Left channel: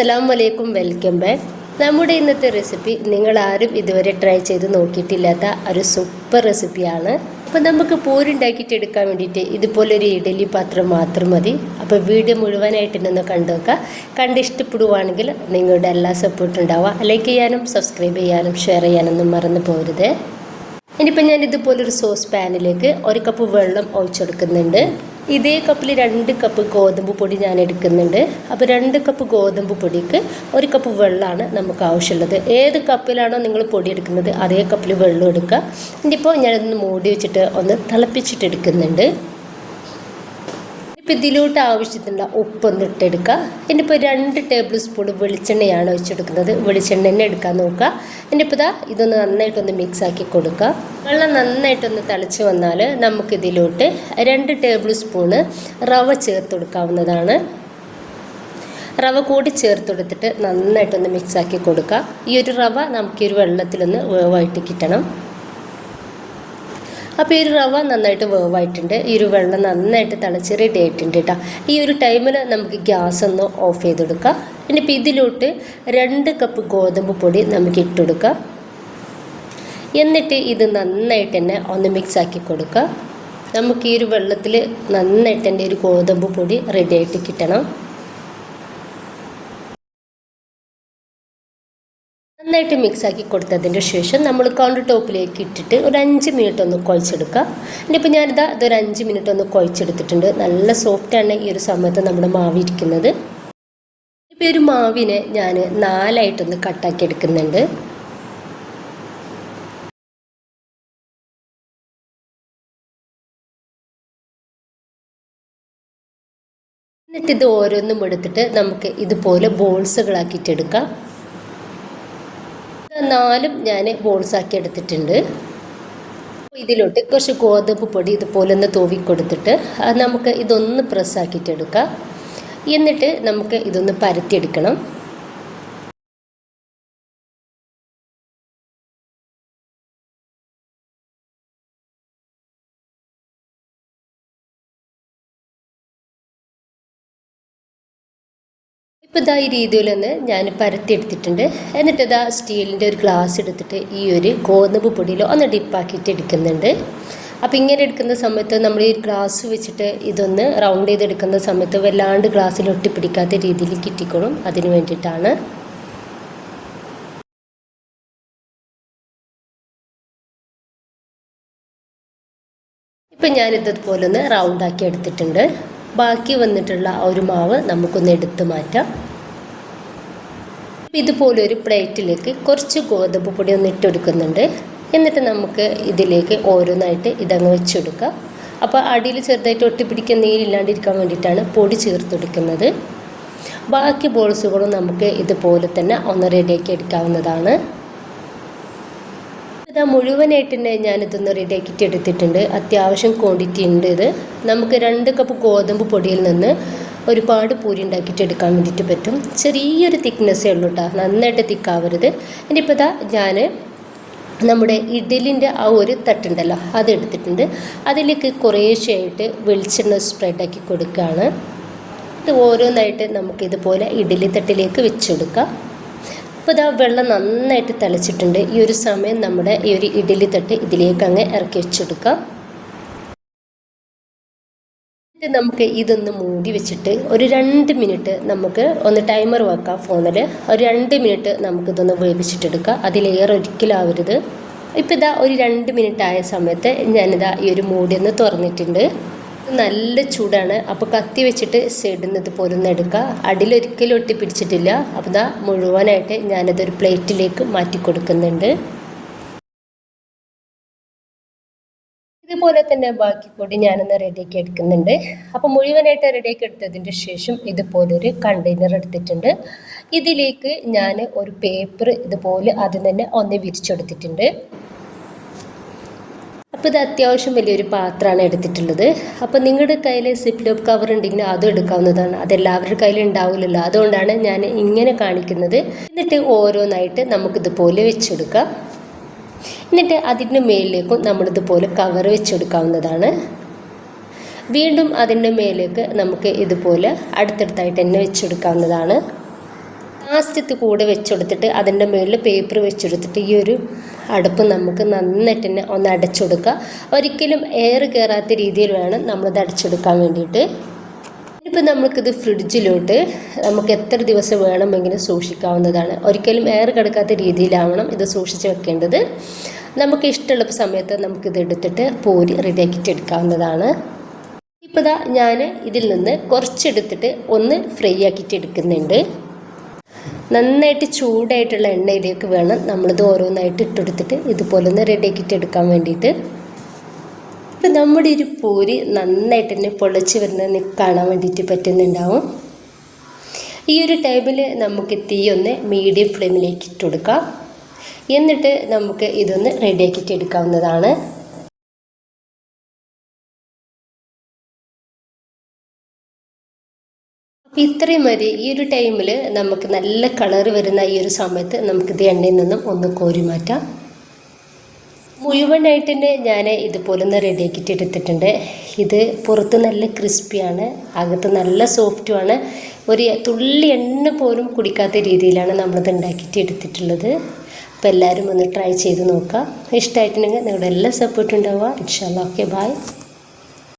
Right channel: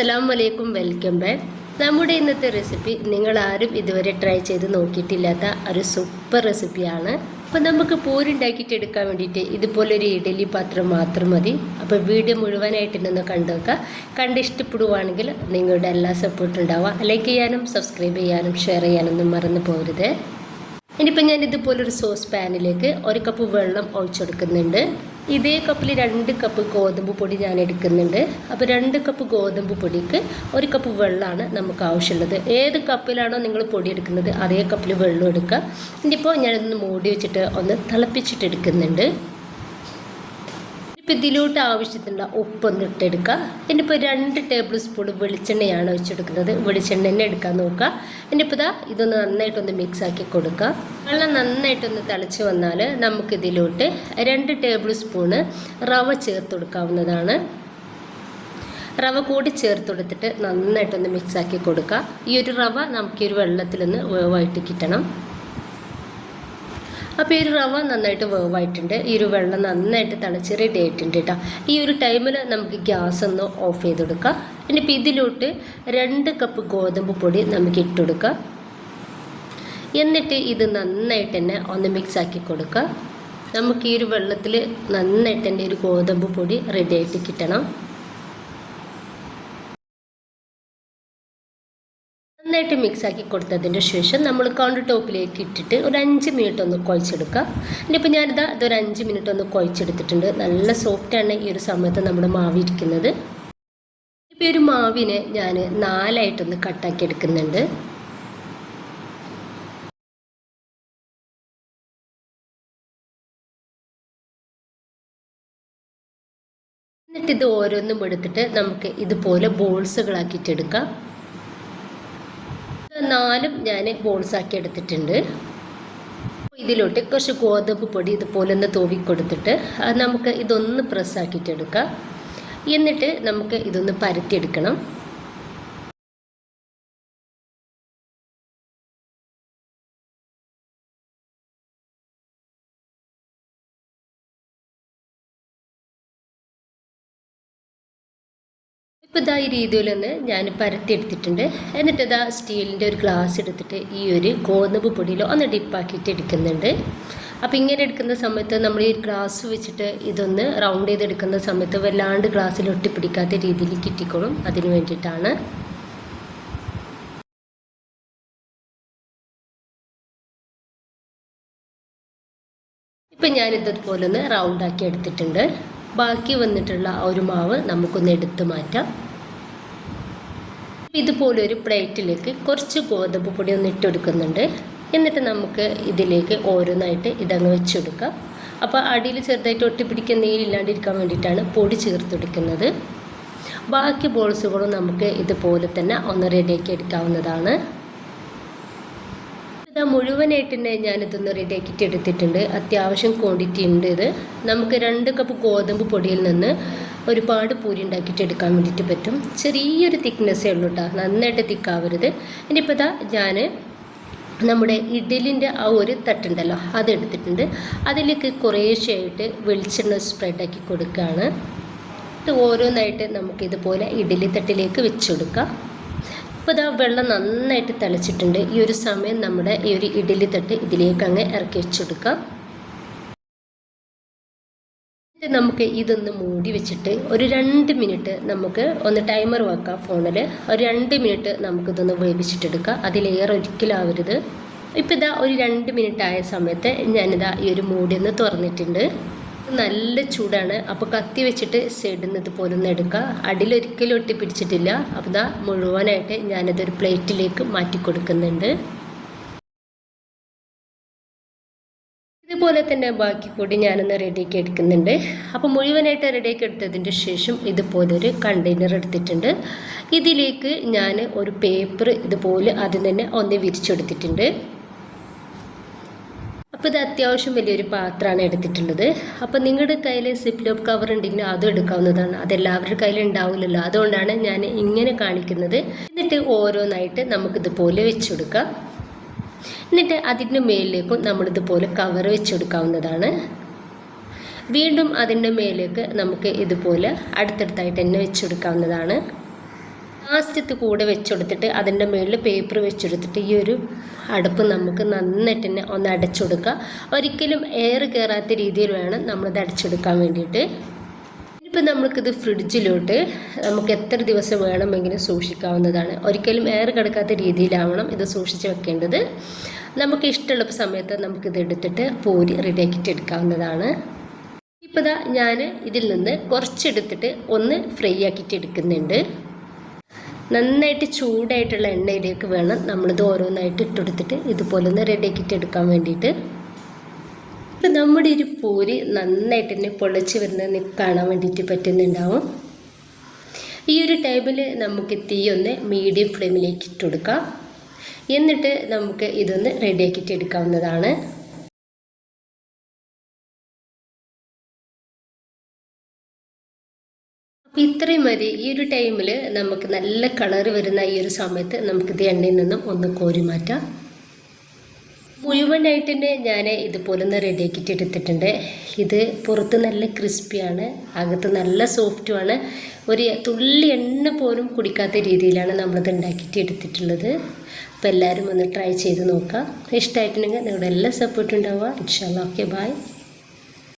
അസ്സലാമു അലൈക്കും, welcome back. നമ്മുടെ ഇന്നത്തെ റെസിപ്പി നിങ്ങളാരും ഇതുവരെ ട്രൈ ചെയ്ത് നോക്കിയിട്ടില്ലാത്ത ഒരു സൂപ്പർ റെസിപ്പിയാണ്. അപ്പോൾ നമുക്ക് പൂരുണ്ടാക്കിയിട്ട് എടുക്കാൻ വേണ്ടിയിട്ട് ഇതുപോലൊരു ഇഡലി പാത്രം മാത്രം മതി. അപ്പോൾ വീഡിയോ മുഴുവനായിട്ടൊന്ന് കണ്ടു നോക്കുക. ഇഷ്ടപ്പെടുവാണെങ്കിൽ നിങ്ങളുടെ എല്ലാ സപ്പോർട്ടും ഉണ്ടാവുക. ലൈക്ക് ചെയ്യാനും സബ്സ്ക്രൈബ് ചെയ്യാനും ഷെയർ ചെയ്യാനൊന്നും മറന്നു പോകരുത്. ഇനിയിപ്പോൾ ഞാൻ ഇതുപോലൊരു സോസ് പാനിലേക്ക് 1 കപ്പ് വെള്ളം ഒഴിച്ചെടുക്കുന്നുണ്ട്. ഇതേ കപ്പിൽ 2 കപ്പ് ഗോതമ്പ് പൊടി ഞാൻ എടുക്കുന്നുണ്ട്. അപ്പോൾ 2 കപ്പ് ഗോതമ്പ് പൊടിക്ക് 1 കപ്പ് വെള്ളമാണ് നമുക്ക് ആവശ്യമുള്ളത്. ഏത് കപ്പിലാണോ നിങ്ങൾ പൊടി എടുക്കുന്നത് അതേ കപ്പിൽ വെള്ളം എടുക്കുക. ഇനിയിപ്പോൾ ഞാനൊന്ന് മൂടി വെച്ചിട്ട് ഒന്ന് തിളപ്പിച്ചിട്ട് എടുക്കുന്നുണ്ട്. ഇപ്പോൾ ഇതിലോട്ട് ആവശ്യത്തിനുള്ള ഉപ്പൊന്ന് ഇട്ടെടുക്കുക. ഇനിയിപ്പോൾ 2 ടേബിൾ സ്പൂൺ വെളിച്ചെണ്ണയാണ് ഒഴിച്ചെടുക്കുന്നത്. വെളിച്ചെണ്ണ തന്നെ എടുക്കാൻ നോക്കുക. ഇനിയിപ്പോൾ ഇതൊന്ന് നന്നായിട്ടൊന്ന് മിക്സാക്കി കൊടുക്കുക. വെള്ളം നന്നായിട്ടൊന്ന് തിളച്ച് വന്നാൽ നമുക്കിതിലോട്ട് 2 ടേബിൾ സ്പൂണ് റവ ചേർത്ത് കൊടുക്കാവുന്നതാണ്. റവ കൂടി ചേർത്ത് കൊടുത്തിട്ട് നന്നായിട്ടൊന്ന് മിക്സാക്കി കൊടുക്കുക. ഈ ഒരു റവ നമുക്ക് ഈ ഒരു വെള്ളത്തിലൊന്ന് വേവായിട്ട് കിട്ടണം. അപ്പോൾ ഈ ഒരു റവ നന്നായിട്ട് വേവായിട്ടുണ്ട്. ഈ ഒരു വെള്ളം നന്നായിട്ട് തിളച്ച് റെഡി ആയിട്ടുണ്ട് കേട്ടോ. ഈ ഒരു ടൈമിൽ നമുക്ക് ഗ്യാസ് ഒന്ന് ഓഫ് ചെയ്ത് കൊടുക്കാം. ഇനിയിപ്പോൾ ഇതിലോട്ട് 2 കപ്പ് ഗോതമ്പ് പൊടി നമുക്ക് ഇട്ടുകൊടുക്കുക. എന്നിട്ട് ഇത് നന്നായിട്ട് തന്നെ ഒന്ന് മിക്സാക്കി കൊടുക്കുക. നമുക്ക് ഈ ഒരു വെള്ളത്തിൽ നന്നായിട്ട് തന്നെ ഒരു ഗോതമ്പ് പൊടി റെഡി ആയിട്ട് കിട്ടണം. നന്നായിട്ട് മിക്സാക്കി കൊടുത്തതിൻ്റെ ശേഷം നമ്മൾ കൗണ്ടർ ടോപ്പിലേക്ക് ഇട്ടിട്ട് ഒരു 5 മിനിറ്റ് ഒന്ന് കുഴച്ചെടുക്കുക. ഇനിയിപ്പോൾ ഇതൊരു 5 മിനിറ്റ് ഒന്ന് കുഴച്ചെടുത്തിട്ടുണ്ട്. നല്ല സോഫ്റ്റാണ് ഈ ഒരു സമയത്ത് നമ്മുടെ മാവ് ഇരിക്കുന്നത്. ഇപ്പോൾ ഒരു മാവിനെ ഞാൻ 4ആയിട്ടൊന്ന് കട്ടാക്കി എടുക്കുന്നുണ്ട്. എന്നിട്ട് ഇത് ഓരോന്നും എടുത്തിട്ട് നമുക്ക് ഇതുപോലെ ബോൾസുകളാക്കിയിട്ടെടുക്കാം. 4 ഞാൻ ബോൾസാക്കി എടുത്തിട്ടുണ്ട്. ഇതിലോട്ട് കുറച്ച് ഗോതമ്പ് പൊടി ഇതുപോലെ ഒന്ന് തൂവി കൊടുത്തിട്ട് നമുക്ക് ഇതൊന്ന് പ്രസ്സാക്കിയിട്ടെടുക്കാം. എന്നിട്ട് നമുക്ക് ഇതൊന്ന് പരത്തിയെടുക്കണം. ഇപ്പോൾ ഈ രീതിയിൽ തന്നെ ഞാൻ പരത്തിയെടുത്തിട്ടുണ്ട്. എന്നിട്ട് സ്റ്റീലിൻ്റെ ഒരു ഗ്ലാസ് എടുത്തിട്ട് ഈ ഒരു ഗോതമ്പ് പൊടിയിൽ ഒന്ന് ഡിപ്പാക്കിയിട്ട് എടുക്കുന്നുണ്ട്. അപ്പോൾ ഇങ്ങനെ എടുക്കുന്ന സമയത്ത് നമ്മൾ ഈ ഗ്ലാസ് വെച്ചിട്ട് ഇതൊന്ന് റൗണ്ട് ചെയ്തെടുക്കുന്ന സമയത്ത് വല്ലാണ്ട് ഗ്ലാസ്സിൽ ഒട്ടിപ്പിടിക്കാത്ത രീതിയിൽ കിട്ടിക്കോളും. അതിന് വേണ്ടിയിട്ടാണ്. ഇപ്പം ഞാനിതുപോലെ ഒന്ന് റൗണ്ടാക്കി എടുത്തിട്ടുണ്ട്. ബാക്കി വന്നിട്ടുള്ള ഒരു മാവ് നമുക്കൊന്ന് എടുത്ത് മാറ്റാം. ഇതുപോലെ ഒരു പ്ലേറ്റിലേക്ക് കുറച്ച് ഗോതമ്പ് പൊടി ഒന്ന് ഇട്ടെടുക്കുന്നുണ്ട്. എന്നിട്ട് നമുക്ക് ഇതിലേക്ക് ഓരോന്നായിട്ട് ഇതങ്ങ് വെച്ചെടുക്കാം. അപ്പോൾ അടിയിൽ ചെറുതായിട്ട് ഒട്ടിപ്പിടിക്കാൻ നീരില്ലാണ്ടിരിക്കാൻ വേണ്ടിയിട്ടാണ് പൊടി ചേർത്തെടുക്കുന്നത്. ബാക്കി ബോൾസുകളും നമുക്ക് ഇതുപോലെ തന്നെ ഒന്ന് റെഡിയാക്കി എടുക്കാവുന്നതാണ്. മുഴുവനായിട്ട് തന്നെ ഞാനിതൊന്ന് റെഡിയാക്കിയിട്ട് എടുത്തിട്ടുണ്ട്. അത്യാവശ്യം ക്വാണ്ടിറ്റി ഉണ്ട്. ഇത് നമുക്ക് 2 കപ്പ് ഗോതമ്പ് പൊടിയിൽ നിന്ന് ഒരുപാട് പൂരി ഉണ്ടാക്കിയിട്ട് എടുക്കാൻ വേണ്ടിയിട്ട് പറ്റും. ചെറിയൊരു തിക്നെസ്സേ ഉള്ളൂ കേട്ടോ, നന്നായിട്ട് തിക്കാവരുത്. ഇനിയിപ്പോൾ ഞാൻ നമ്മുടെ ഇഡലിൻ്റെ ആ ഒരു തട്ടുണ്ടല്ലോ അതെടുത്തിട്ടുണ്ട്. അതിലേക്ക് കുറേശ്ശെയായിട്ട് വെളിച്ചെണ്ണ സ്പ്രെഡാക്കി കൊടുക്കുകയാണ്. ഇത് ഓരോന്നായിട്ട് നമുക്കിതുപോലെ ഇഡലി തട്ടിലേക്ക് വെച്ചെടുക്കാം. അപ്പോൾ വെള്ളം നന്നായിട്ട് തിളച്ചിട്ടുണ്ട്. ഈ ഒരു സമയം നമ്മുടെ ഈ ഒരു ഇഡലി തട്ട് ഇതിലേക്ക് അങ്ങ് ഇറക്കി വെച്ചെടുക്കാം. നമുക്ക് ഇതൊന്ന് മൂടി വെച്ചിട്ട് ഒരു 2 മിനിറ്റ് നമുക്ക് ഒന്ന് ടൈമർ വെക്കാം ഫോണിൽ. ഒരു 2 മിനിറ്റ് നമുക്കിതൊന്ന് വേവിച്ചിട്ടെടുക്കാം. അതിലേറെ ഒരിക്കലാവരുത്. ഇപ്പോൾ ഒരു 2 മിനിറ്റ് ആയ സമയത്ത് ഞാനിതാ ഈ ഒരു മൂടി ഒന്ന് തുറന്നിട്ടുണ്ട്. നല്ല ചൂടാണ്. അപ്പോൾ കത്തി വെച്ചിട്ട് സൈഡിൽ നിന്ന് ഇതുപോലെ ഒന്ന് എടുക്കുക. അടിയിലൊരിക്കലും ഒട്ടിപ്പിടിച്ചിട്ടില്ല. അപ്പോൾ മുഴുവനായിട്ട് ഞാനതൊരു പ്ലേറ്റിലേക്ക് മാറ്റി കൊടുക്കുന്നുണ്ട്. ഇതുപോലെ തന്നെ ബാക്കി കൂടി ഞാനൊന്ന് റെഡിയാക്കി എടുക്കുന്നുണ്ട്. അപ്പോൾ മുഴുവനായിട്ട് റെഡിയാക്കി എടുത്തതിൻ്റെ ശേഷം ഇതുപോലൊരു കണ്ടെയ്നർ എടുത്തിട്ടുണ്ട്. ഇതിലേക്ക് ഞാൻ ഒരു പേപ്പർ ഇതുപോലെ ആദ്യം തന്നെ ഒന്ന് വിരിച്ചെടുത്തിട്ടുണ്ട്. അപ്പോൾ ഇത് അത്യാവശ്യം വലിയൊരു പാത്രമാണ് എടുത്തിട്ടുള്ളത്. അപ്പോൾ നിങ്ങളുടെ കയ്യിൽ സിപ്പ് ലോക്ക് കവർ ഉണ്ടെങ്കിൽ അതും എടുക്കാവുന്നതാണ്. അതെല്ലാവരുടെ കയ്യിൽ ഉണ്ടാവില്ലല്ലോ, അതുകൊണ്ടാണ് ഞാൻ ഇങ്ങനെ കാണിക്കുന്നത്. എന്നിട്ട് ഓരോന്നായിട്ട് നമുക്കിതുപോലെ വെച്ചെടുക്കാം. എന്നിട്ട് അതിൻ്റെ മേലിലേക്കും നമ്മളിതുപോലെ കവർ വെച്ചെടുക്കാവുന്നതാണ്. വീണ്ടും അതിൻ്റെ മേലേക്ക് നമുക്ക് ഇതുപോലെ അടുത്തടുത്തായിട്ട് തന്നെ വെച്ചെടുക്കാവുന്നതാണ്. ലാസ്റ്റത്ത് കൂടെ വെച്ചെടുത്തിട്ട് അതിൻ്റെ മുകളിൽ പേപ്പർ വെച്ചെടുത്തിട്ട് ഈ ഒരു അടുപ്പ് നമുക്ക് നന്നായിട്ട് തന്നെ ഒന്ന് അടച്ചെടുക്കുക. ഒരിക്കലും എയർ കയറാത്ത രീതിയിൽ വേണം നമ്മളിത് അടച്ചെടുക്കാൻ വേണ്ടിയിട്ട്. ഇനിയിപ്പോൾ നമുക്കിത് ഫ്രിഡ്ജിലോട്ട് നമുക്ക് എത്ര ദിവസം വേണമെങ്കിലും സൂക്ഷിക്കാവുന്നതാണ്. ഒരിക്കലും എയർ കിടക്കാത്ത രീതിയിലാവണം ഇത് സൂക്ഷിച്ച് വെക്കേണ്ടത്. നമുക്ക് ഇഷ്ടമുള്ള സമയത്ത് നമുക്കിത് എടുത്തിട്ട് പൂരി റെഡിയാക്കിയിട്ട് എടുക്കാവുന്നതാണ്. ഇപ്പോൾ ഇതാ ഞാൻ ഇതിൽ നിന്ന് കുറച്ചെടുത്തിട്ട് ഒന്ന് ഫ്രൈ ആക്കിയിട്ട് എടുക്കുന്നുണ്ട്. നന്നായിട്ട് ചൂടായിട്ടുള്ള എണ്ണയിലേക്ക് വേണം നമ്മളിത് ഓരോന്നായിട്ട് ഇട്ടെടുത്തിട്ട് ഇതുപോലെ ഒന്ന് റെഡിയാക്കിയിട്ട് എടുക്കാൻ വേണ്ടിയിട്ട്. ഇപ്പം നമ്മുടെ ഒരു പൂരി നന്നായിട്ട് തന്നെ പൊളിച്ച് വരുന്നത് കാണാൻ വേണ്ടിയിട്ട് പറ്റുന്നുണ്ടാവും. ഈ ഒരു ടൈമിൽ നമുക്ക് തീ ഒന്ന് മീഡിയം ഫ്ലെയിമിലേക്ക് ഇട്ട് കൊടുക്കാം. എന്നിട്ട് നമുക്ക് ഇതൊന്ന് റെഡിയാക്കിയിട്ട് എടുക്കാവുന്നതാണ്. അപ്പോൾ ഇത്രയും മതി. ഈ ഒരു ടൈമിൽ നമുക്ക് നല്ല കളർ വരുന്ന ഈ ഒരു സമയത്ത് നമുക്കിത് എണ്ണയിൽ നിന്നും ഒന്ന് കോരി മാറ്റാം. മുഴുവനായിട്ട് തന്നെ ഞാൻ ഇതുപോലെ ഒന്ന് റെഡിയാക്കിയിട്ട് എടുത്തിട്ടുണ്ട്. ഇത് പുറത്ത് നല്ല ക്രിസ്പിയാണ്, അകത്ത് നല്ല സോഫ്റ്റുമാണ്. ഒരു തുള്ളി എണ്ണ പോലും കുടിക്കാത്ത രീതിയിലാണ് നമ്മളിത് ഉണ്ടാക്കിയിട്ട് എടുത്തിട്ടുള്ളത്. അപ്പോൾ എല്ലാവരും ഒന്ന് ട്രൈ ചെയ്ത് നോക്കുക. ഇഷ്ടമായിട്ടുണ്ടെങ്കിൽ നിങ്ങളുടെ എല്ലാ സപ്പോർട്ടും ഉണ്ടാവുക. ഇൻഷാ അല്ലാഹ്. Okay, by.